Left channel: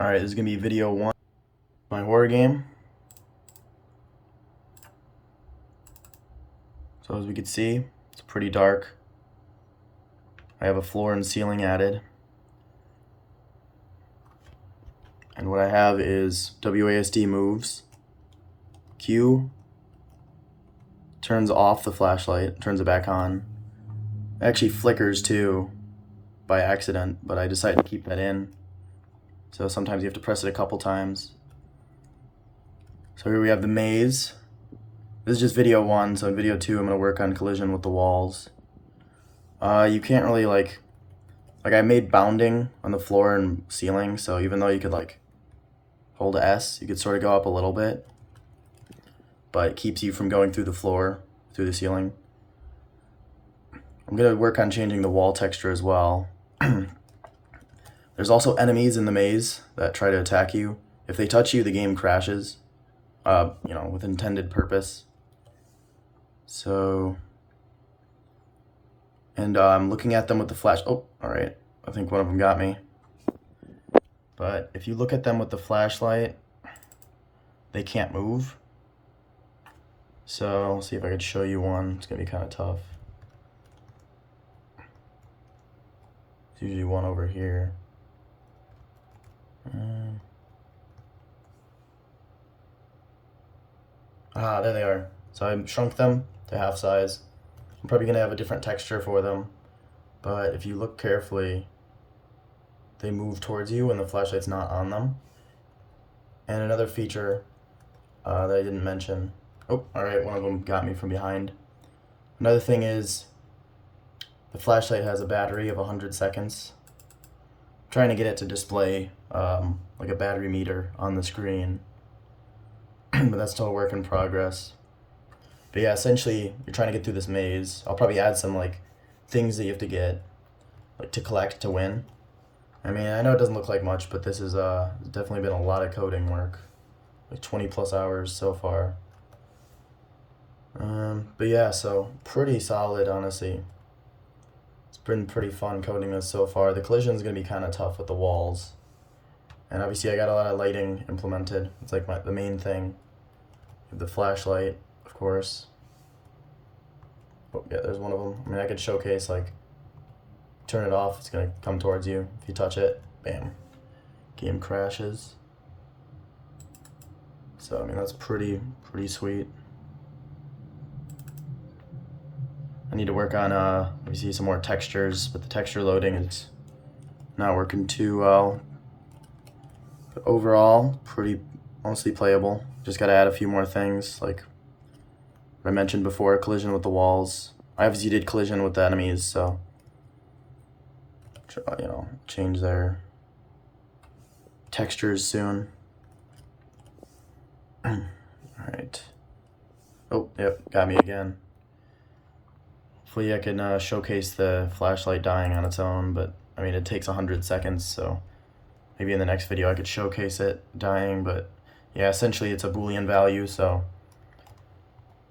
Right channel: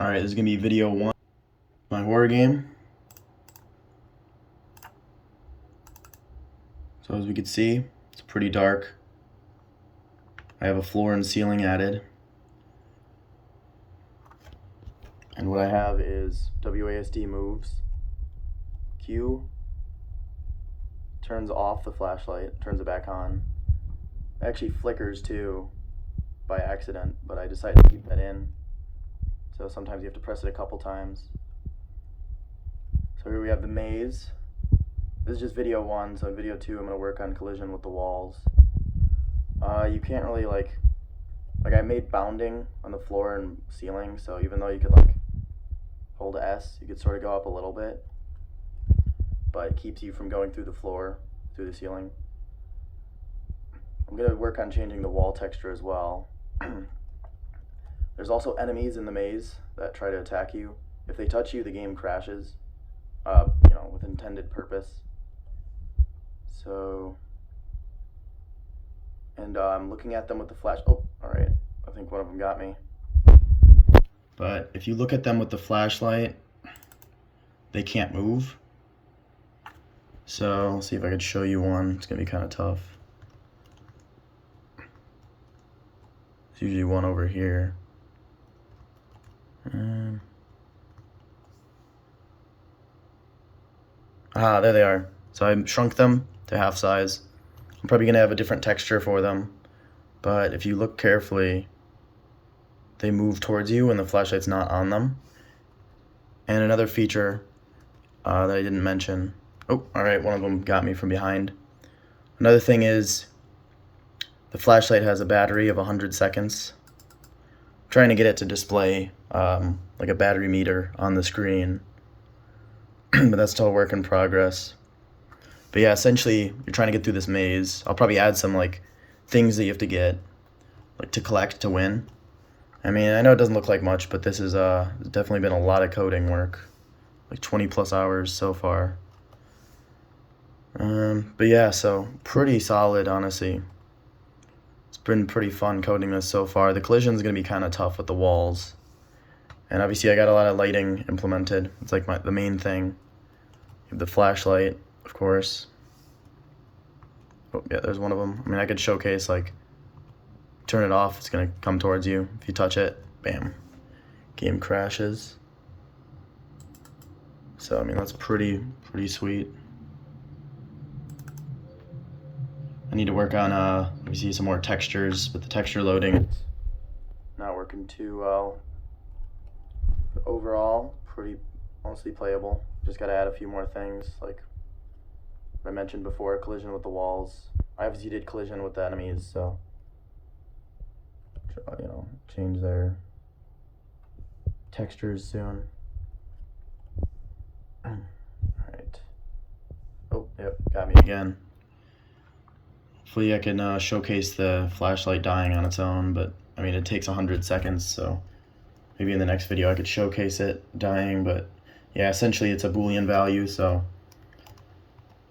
Alright, this is going to be video 1, my horror game. So as we can see, it's pretty dark. I have a floor and ceiling added. And what I have is WASD moves. Q turns off the flashlight, turns it back on. It actually flickers too by accident, but I decided to keep that in. So sometimes you have to press it a couple times. So here we have the maze. This is just video 1, so in video 2 I'm going to work on collision with the walls. You can't really like I made bounding on the floor and ceiling, so even though you could like hold S, you could sort of go up a little bit, but it keeps you from going through the floor, through the ceiling. I'm going to work on changing the wall texture as well. There's also enemies in the maze that try to attack you. If they touch you, the game crashes, with intended purpose. So, and I'm looking at them with the flash. Oh, all right. I think one of them got me. But if you look at them with the flashlight, they can't move. So, see if I could show you one. It's gonna be kind of tough. There's usually one over here. There they are. So I shrunk them to half size. I'm probably gonna have a different texture for them, but if you look carefully, they move towards you when the flashlight's not on them. And another feature that I didn't mention. Oh, all right, one of them got me from behind. Another thing is the flashlight has a battery of 100 seconds. I'm trying to get it to display like a battery meter on the screen, but that's still a work in progress. But yeah, essentially, you're trying to get through this maze. I'll probably add some like things that you have to get, like to collect to win. I mean, I know it doesn't look like much, but this is definitely been a lot of coding work, like 20+ hours so far. But yeah, so pretty solid, honestly. It's been pretty fun coding this so far. The collision's gonna be kind of tough with the walls, and obviously I got a lot of lighting implemented. It's like the main thing. You have the flashlight, of course. Oh yeah, there's one of them. I mean, I could showcase like turn it off, it's gonna come towards you. If you touch it, bam, game crashes. So I mean, that's pretty sweet. I need to work on obviously some more textures, but the texture loading it's not working too well. But overall, mostly playable. Just gotta add a few more things, like I mentioned before, collision with the walls. I obviously did collision with the enemies, so change their textures soon. All right. Oh, yep, got me again. Hopefully I can showcase the flashlight dying on its own, but I mean, it takes 100 seconds, so maybe in the next video I could showcase it dying, but yeah, essentially it's a Boolean value, so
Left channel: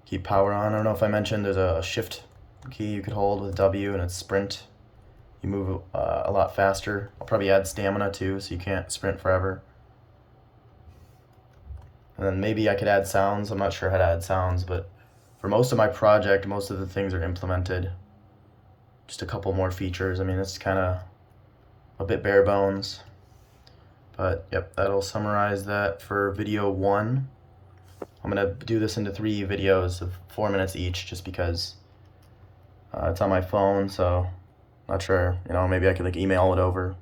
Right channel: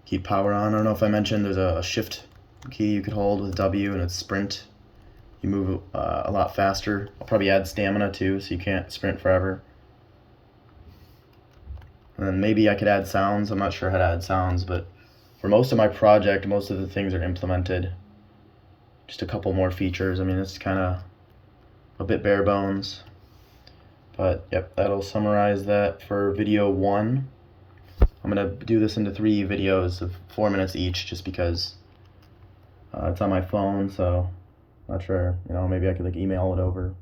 keep power on. I don't know if I mentioned there's a shift key you could hold with W, and it's sprint. You move a lot faster. I'll probably add stamina too, so you can't sprint forever. And then maybe I could add sounds. I'm not sure how to add sounds, but for most of my project, most of the things are implemented. Just a couple more features. I mean, it's kind of a bit bare bones. But yep, that'll summarize that for video 1. I'm gonna do this into 3 videos of 4 minutes each, just because it's on my phone, so not sure, maybe I could like email it over.